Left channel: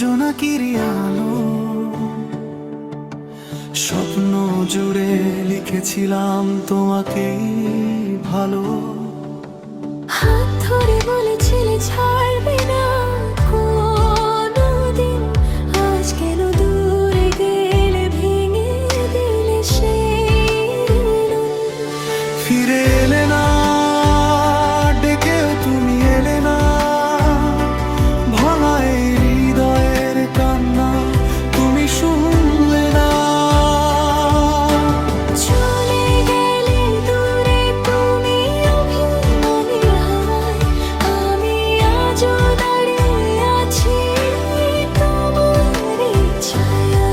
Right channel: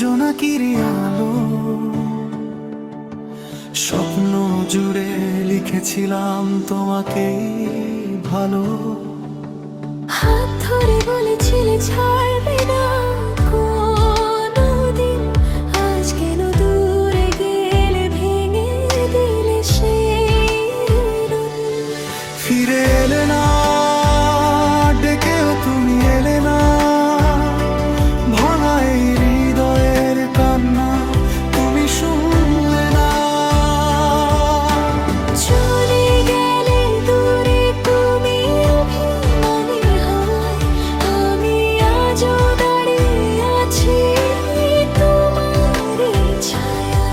জোনাকিরি আলো, স্বপ্ন জুড়ে লিখেছিলাম তোমাকেই ভালো। হাত ধরে বলেছিলে ছাড়বে না কোনোদিন, আজ কেন দূরে গেলে ভেঙে দিলে সেই ঋণ। ফিরে এলে না, ডেকেও তুমি এলে না, ভাঙা এই হৃদয়ের কান্না তুমি শুনলে না। চলে গেলে দূরে তুমি অভিমানী হওয়ায়, আমি আজও দাঁড়িয়ে আছি তোমারই ছায়ায়।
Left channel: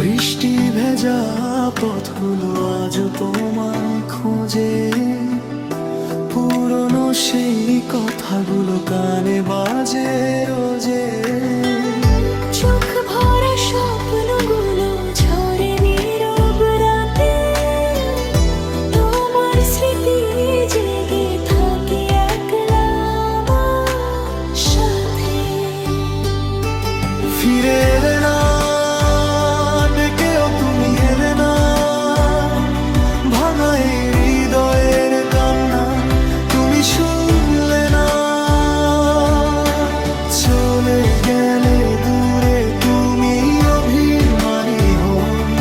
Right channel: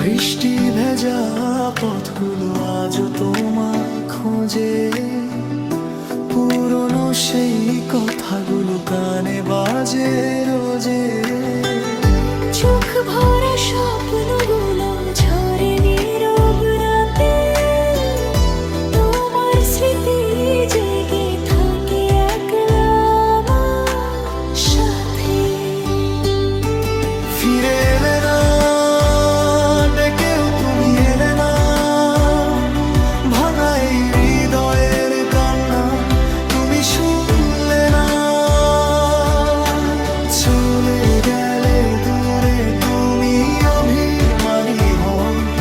বৃষ্টি ভেজা পথগুলো আজও তোমায় খোঁজে, পুরনো সেই কথাগুলো কানে বাজে রোজে। চোখ ভরা স্বপ্নগুলো ঝরে নীরব রাতে, তোমার স্মৃতি জেগে থাকে একলা আমার সাথে। ফিরে এলে না, ডেকেও তুমি এলে না, ভাঙা এই হৃদয়ের কান্না তুমি শুনলে না। চলে গেলে দূরে তুমি অভিমানী হই,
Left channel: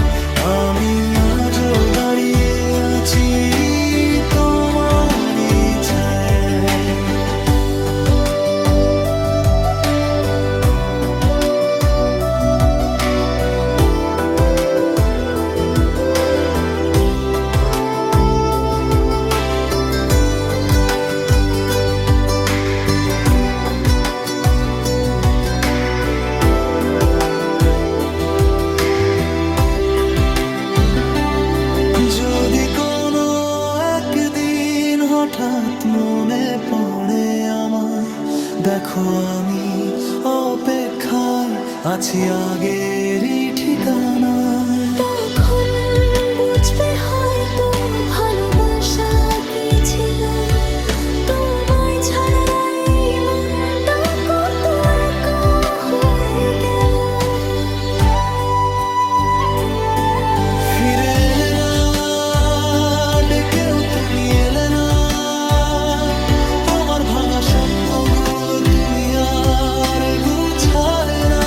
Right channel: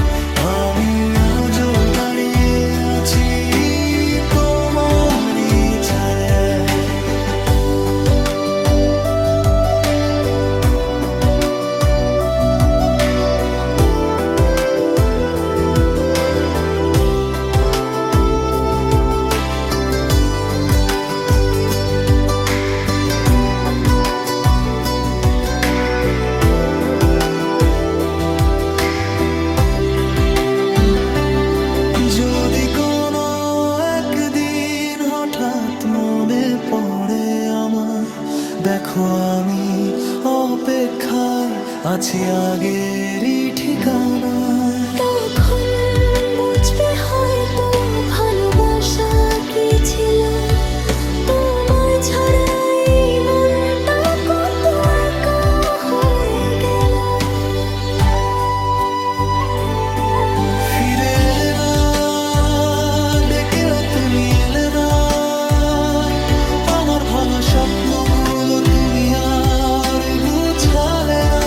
আমি আজও দাঁড়িয়ে আছি তোমারই ছায়ায়। যদি কোনো একদিন হঠাৎ মনে পড়ে আমায়, দেখো আমি অপেক্ষায় আছি আগেরই ঠিকানায়। তখন বুঝবে হয়তো ভালোবাসা কি ছিল, তোমায় ছাড়া এই মনটা কত একা হয়ে গেল। ফিরে এলে না, ডেকেও তুমি এলে না, আমার ভাঙা স্বপ্নগুলো তুমি আর গুছালে না।